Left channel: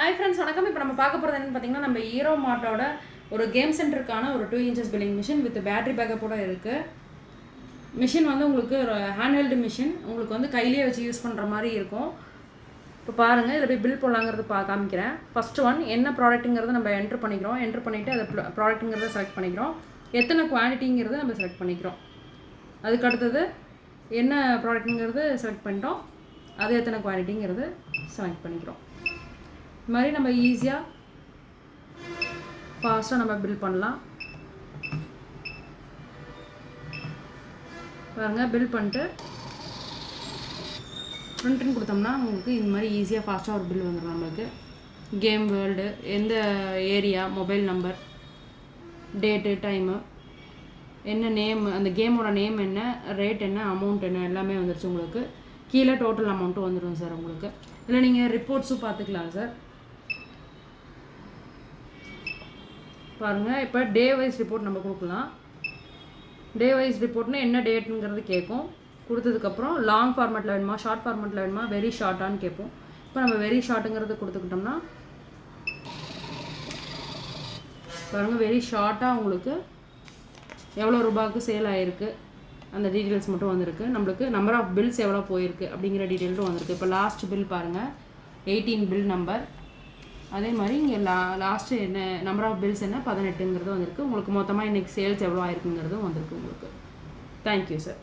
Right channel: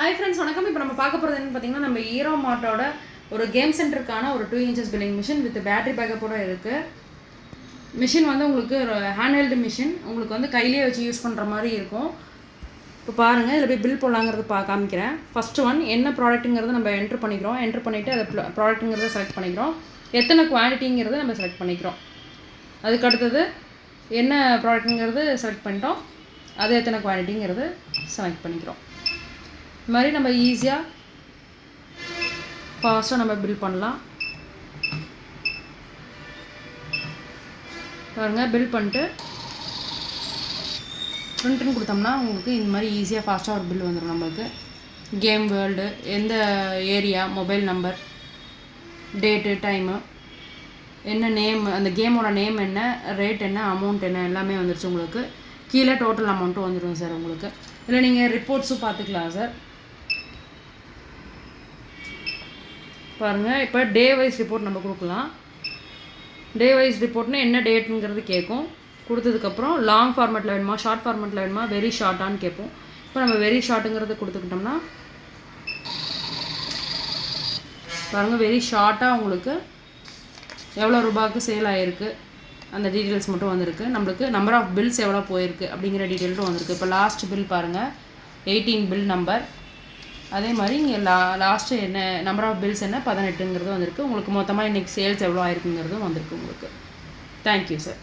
Hi friends, வணக்கம். இப்போ நம்ம பார்க்க போகிறது என்னன்னு பார்த்தீங்கன்னா, நம்ம ஹீரோ மார்ட்டோட ஒரு கேம் சென்டருக்கான ஒரு 2 inches billing machine with battery பேக்கப்போட இருக்குது. மிஷின் வந்து உங்களுக்கு ஹேண்ட்ஹெல்டு மிஷின், உங்களுக்கு வந்து கையிலே வச்சு யூஸ் பண்ணுற மாதிரி இருக்கும். இப்போ பாருங்கள், இதில் போய் பில் போடலாங்கிறது காமிக்கிறேன். ஃபஸ்ட்டு ஒன் என்ன ப்ராடக்ட்டுங்கிறது நம்ம என்ட்ரு பண்ணிக்கிறோம். என்ட்ரு பண்ணிவிட்டு அதை ப்ராடக்ட்டுங்கிறத செலக்ட் பண்ணிக்கிறோம். எத்தனை குவான்டிட்டிங்கிறத நம்ம செலக்ட் பண்ணிக்கிறோம். அதுக்கு அடுத்தது என்ன ப்ராடக்ட்டுங்கிறது செலக்ட் பண்ணிட்டோம். அது எத்தனை குவான்டிட்டிங்கிறது செலக்ட் பண்ணிக்கிறோம். இது மாதிரி நம்ம ஈஸியாக ஃபாஸ்ட்டாக நம்ம பில் பண்ணலாம். பாருங்கள், பில் பண்ணிட்டு பிரிண்ட்னு கொடுத்தோம்னா உங்களுக்கு இந்த மாதிரி ஈஸியாக ஃபாஸ்ட்டாக ஒரு பில் வந்துடும். நம்மளுக்கு கேம் வேர்ல்டு, எந்த area, mobile number, date, time, என்ன நேம், அந்த கேமோட நேம் என்ன, ரேட் என்ன, அமௌண்ட் என்ன, எல்லாமே வந்துடுச்சு. உங்களுக்கு கீழே டோட்டல் அமௌண்ட்டும் வந்துடும் சார். உங்களுக்கு இல்லை நீங்கள் ரிப்போர்ட்ஸும் பார்த்துக்கலாம் சார். பாருங்கள், இப்போ டே வைஸ் ரிப்போர்ட் நம்ம கொடுக்கலாம். டே வைஸ் ரிப்போர்ட்னா என்ன டேட்டுங்கிறது கேட்கும். கொடுத்ததுக்கப்புறம் லாங் ஃபார்மேட்டில் வேணுமா, ஷார்ட் ஃபார்மேட்டில் வேணுமா, வெரி ஷார்ட்டான்னு கேட்போம். இப்போ நம்ம வெரி ஷார்ட்டுங்கிறது கொடுத்துக்கிட்டோம்னா பாருங்கள், வெரி ஷார்ட்டாக உங்களுக்கு எவ்வளோ ரூபாய்க்கு சேல் ஆகிருக்கு அந்த டீட்டெயில்ஸ் மட்டும் வந்திருக்கு. நம்மளுக்கு நம்பர் ஆஃப் பில்ஸ் எவ்வளோ போயிருக்கு அப்படிங்கிற டீட்டெயில்ஸும் வந்திருக்கு. இப்போ லாஸ்ட் பில் பாருங்கள், 18 பில் நம்பர். அதே மாதிரி இங்கே லாஸ்ட்டு என்ன நம்பர் ஆஃப் பில்ஸ் என்ன 18ங்கிறது வந்திருக்கு. உங்களுக்கு மொத்தமாக இன்றைக்கி சேல்ஸ் எவ்வளோ ஆயிருக்குங்கிறதும் வந்திருக்கு உங்களுக்கு. Thank you sir.